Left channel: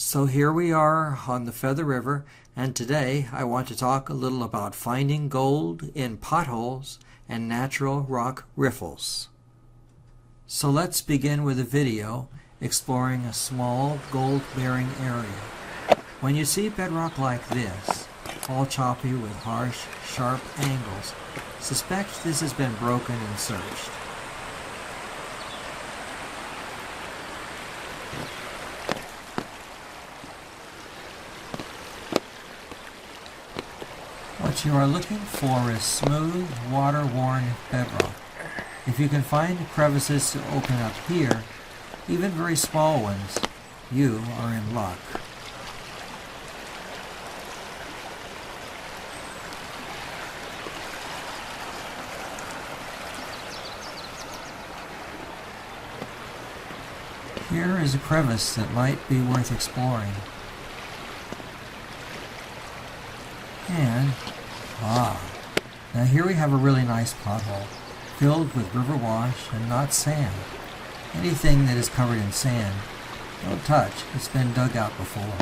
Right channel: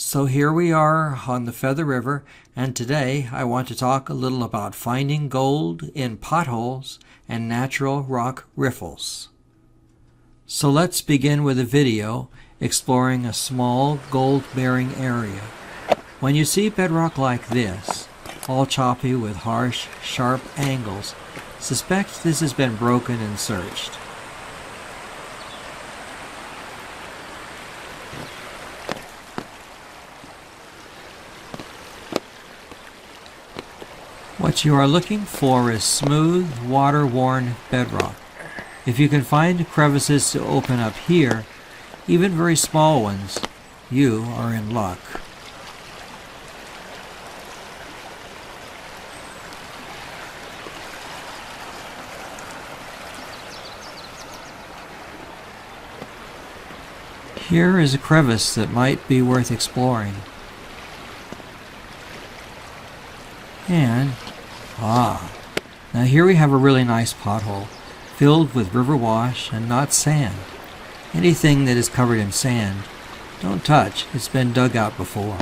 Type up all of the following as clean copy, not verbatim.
So here we are on the Feather River, and today I want to talk a little about finding gold in potholes and natural rock riffles. So let's begin with a video exploring a small gold-bearing area. When you see bedrock like this, all choppy with harsh, sharp angles, suspect this has been broken and searched. What you are looking for is smooth, water-worn bedrock. If you can find crevices to open up here, even very small ones, you are in luck. Here is a crevice that might be worth exploring. And, now here we have a really nice pothole, filled with river wash and not sand. Anything that is covered in sand, don't touch, it's been dug out before.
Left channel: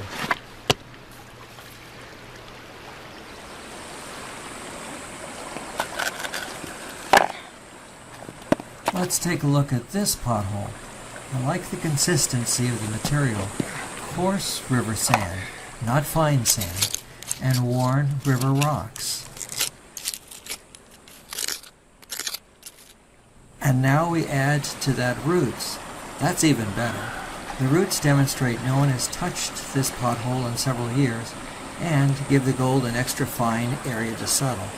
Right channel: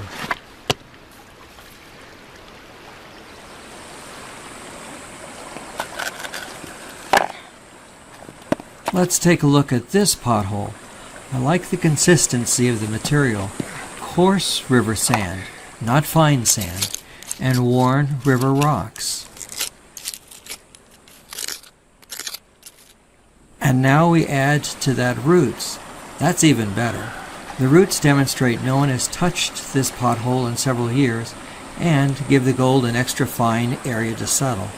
Let's take a look at this pothole. I like the consistency of the material. Coarse river sand, not fine sand, and worn river rocks. And now we add to that roots. That's even better. The roots demonstrate no one has touched this pothole in several years and give the gold an extra fine area to settle.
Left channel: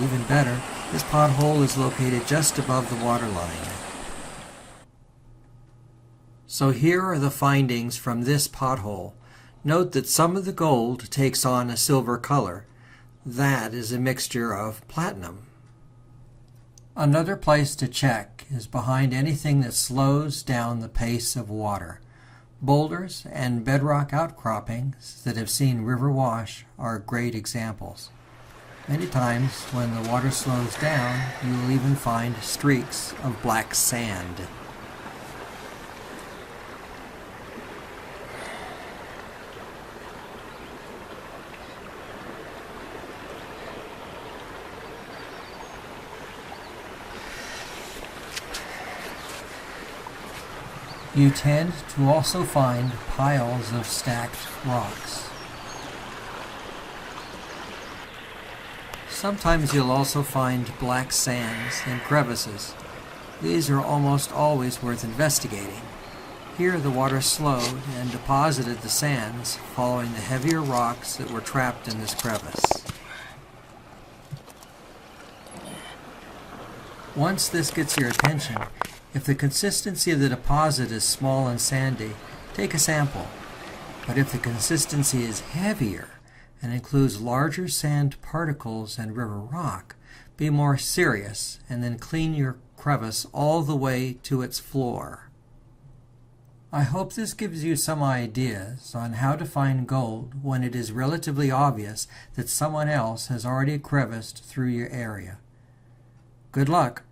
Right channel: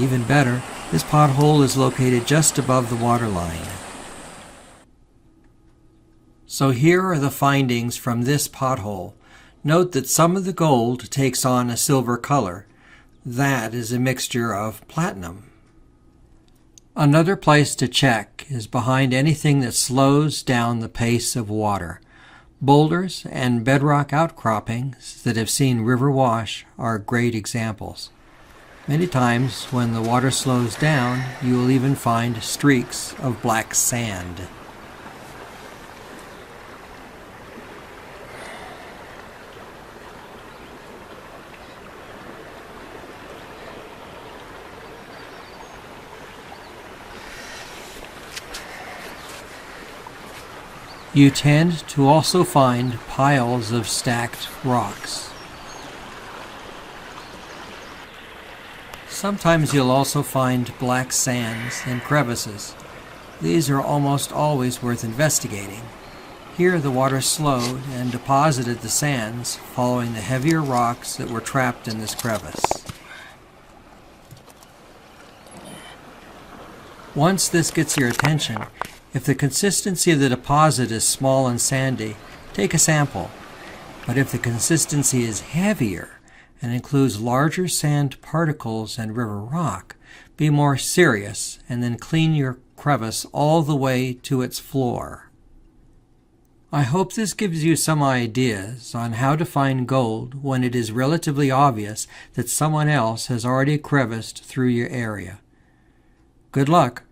Even better, this pothole is located just above the water line. So here are the findings from this pothole. Note that some of the gold takes on a silver color. That is a mixture of platinum. Another place to check is behind anything that slows down the pace of water. Boulders and bedrock outcroppings that have seen river wash are great examples. Many times when the water slows down, you will even find streaks of black sand. You tend to also find piles of stacked rocks. Sometimes you'll also find black sands and crevices. These are almost always worth investigating. Here the water slowed and deposited the sands following the heavier rocks that were trapped in this crevice. Once this gets your attention, if the consistency of the deposit is small and sandy, take a sample. But if the consistency is heavier and includes larger sand particles and river rock, be more serious and then clean your crevice all the way to its floor. I hope this gives you some ideas on how to find gold when it is relatively obvious that someone else has already creviced through your area. Good luck!